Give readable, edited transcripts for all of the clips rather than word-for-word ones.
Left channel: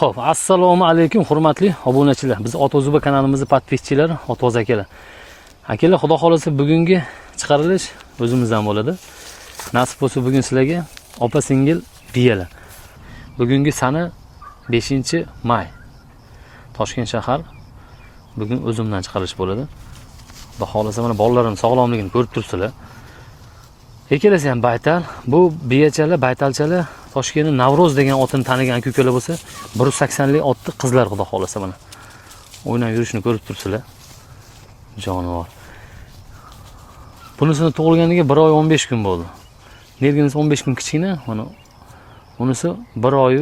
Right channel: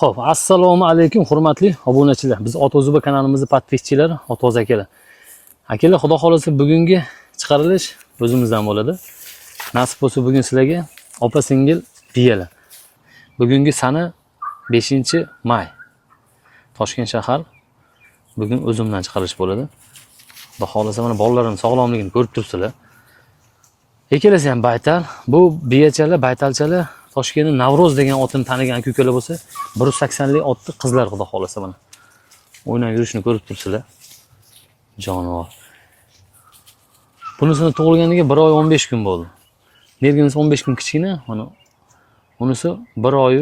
Xo'p, assalomu alaykum hurmatli obunachilar. Biz Otozuba kanalimizni podpischilari, Otoz akalar. Akalar, xudo xolasa bugungi chiqarilish o'zimizdan bo'ladi. Nasib bo'lsa bugun sizlarga opa singil biyalar. Bugungi sana 5-may. Toshkent shahar. Bugun o'zimdan chiqarish bo'ladi. Xudo xolasa mana bolalarim sog'lomligini ko'rib turibsizlar. Ikkalasi ham baytal. Bu biyachalar, baytalchalar Toshkentning Navro'z degan otini tanigan ko'kalar bo'lsa, 180 lik otni qizlar xudo xolasa mana. O'ynab yurishini ko'rib turibsizlar. Jonivor. Bunisini tug'ilganiga 1 oy 15 kun bo'ldi. Nerginisi 15 kun kichkina, mana bunisi 1 oy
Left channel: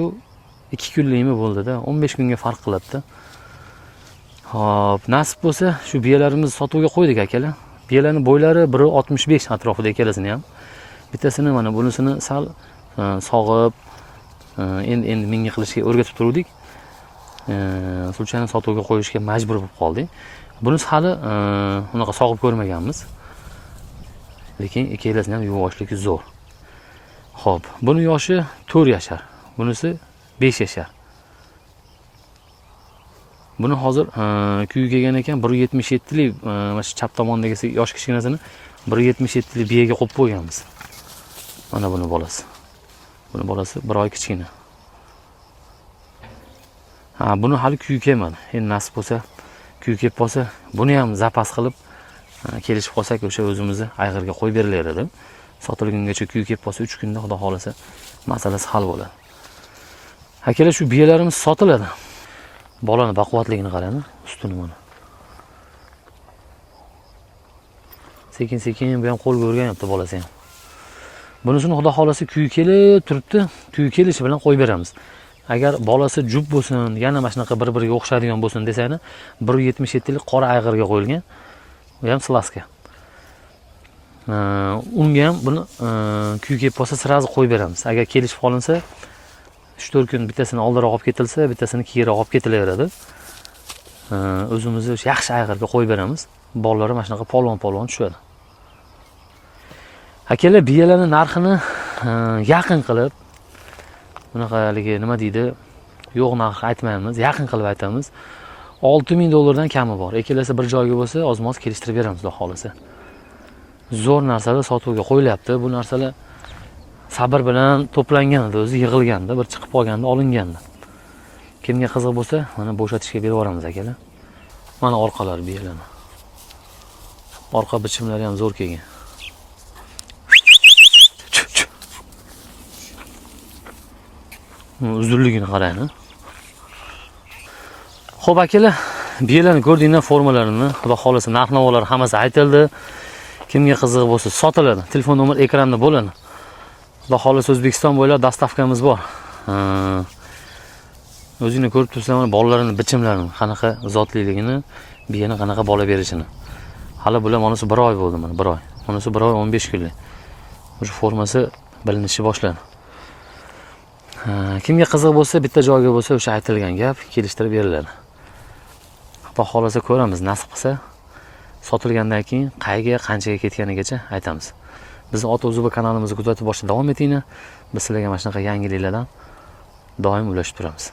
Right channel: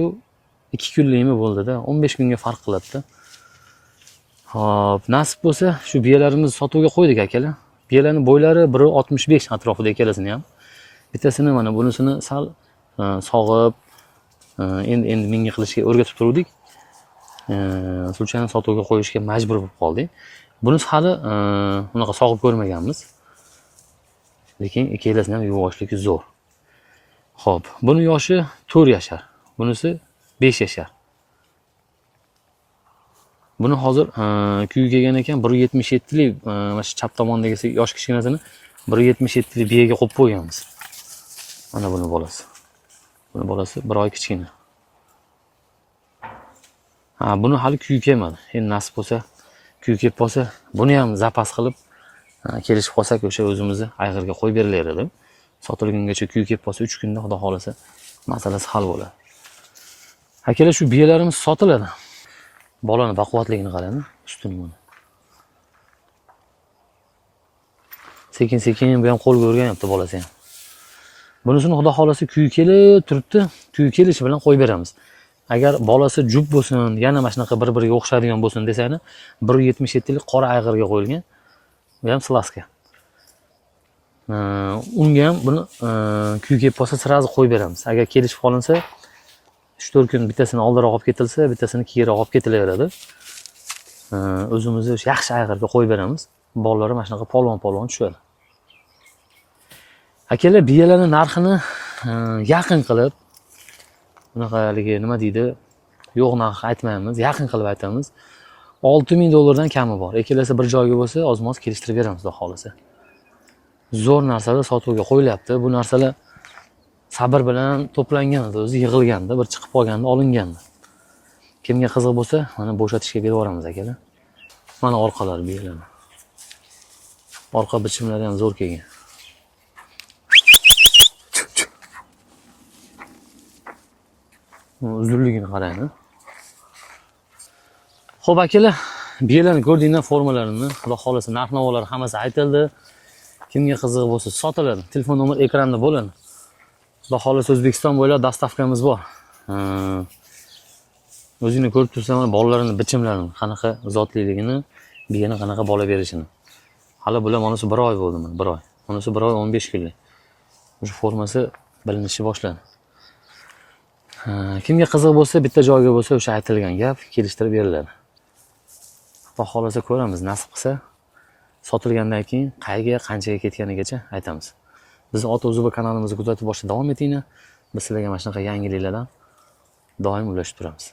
2 kunlikmi bo'ldi-da, 15 kunga farq qiladi-da. Hop, nasib bo'lsa shu biyalarimizni sotuvga qo'ydik akalar. Biyalarning bo'ylari 1.65 atrofida ikkalasini ham. Bittasini mana bunisini sal sog'ib, endi menga qilishga o'rgatib turdik. Sulchani sotuvga qo'yishga majbur bo'lib qoldik. Bunisi hali unaqa sog'ib ko'rmaganmiz. Lekin ikkalasini ham yuvoshligi zo'r. Xo'p, buni yoshi 4 yashar, bunisi 5 yashar. Buni hozir kuyi kelgan ekan 1.77 lik, mana shu chap tomondagi yosh kichkinasini 1.77 lik biyaga qo'yib qo'yganmiz. Mana buni bolasi. Buni bolasi 1 oy kichkina. Buni hali kuyi kelmadi. Endi nasib bo'lsa, kuyi kelib qolsa, buni ham zapas qilib kelishib qolsak, o'sha o'zimizni ayg'irga qo'yib berilaveradi. Sotilgungacha kuyi kelib qolsa 3 kunda xudo xolasa masalasi hal bo'ladi. Akalar, shu biyalarimiz sotiladi. Bolani baquvvatligini qarang, ustuni mana. Sekin-sekin bu ham qo'lga o'rganyapti bolasi ham. Bunisini xudo xolasa kuyi kelib turibdi. Kuyi kelishi bilan qo'yib beramiz. Agar bolasi jub bo'lsin, yana mana shunaqa bir-biriga o'xshaydigan bo'lsin desanglar, 1.77 lik qora ayg'irga qo'yilgan. Bu ham slaska. Unga ham buni kuyi kelib qolsa sirazi qo'yib beramiz. Agar kelishib qolinsa 3-4 kun bittasini oldinroq olib ketilsa, bittasini keyinroq olib ketilaveradi. O'zimizni yaxshi ayg'irga qo'yib beramiz. Bolalar mana shunaqa polvon tushadi. Akalar, biyalarning narxini yaqin qilib, bunaqaligi nima deydi, yo'q narx aytmaymiz, yaqin qilib aytamiz. $6,000 kami bor. Ikkalasi bir joyga bo'lsa, ozmoz kelishtirib beramiz, xudo xolasa. Zo'r narsalar sotuvga qo'yilyapti. Bu narsalar sabr bilan to'plangan edi, o'zi yig'ilganda, bir chiqib qolganda olinganda. Kimga qiziq bo'lsa, mana bo'shatishga berib yuboramiz akalar. Mana orqalari biyalar. Orqa bichimlari ham zo'r kelgan. Uzunligini qarang. Xo'p akalar, biyalarni ko'rdinglar, formalarini, xudo xolasa narx-navolar hammasi aytildi. Kimga qiziq bo'lsa sotiladi. Telefon nomer ekranda bo'ladi. Xudo xolasa O'zbekiston bo'ylab dostavkamiz bor. O'zingni ko'rib tursan, bolalarini bichimlarini, qanaqa zotliligini, biyani qanaqa bola berishini. Hali bular monasi 1 oy bo'ldi mana, 1 oy. Monasi 1 oy 15 kunlik. O'sha formasi bilinishi boshlandi. Kimga qiziq bo'lsa, bitta joyga bo'lsa, o'sha aytilgan gap kelishtirib beriladi. Xudo xolasa ko'ramiz, nasib qilsa, sotilgandan keyin qayerga, qanchaga ketganigacha aytamiz. Biz Otozuba kanalimizni kuzatib borishda davom etinglar. Biz sizlarga mana shunaqa yangiliklardan doim ulashib turamiz.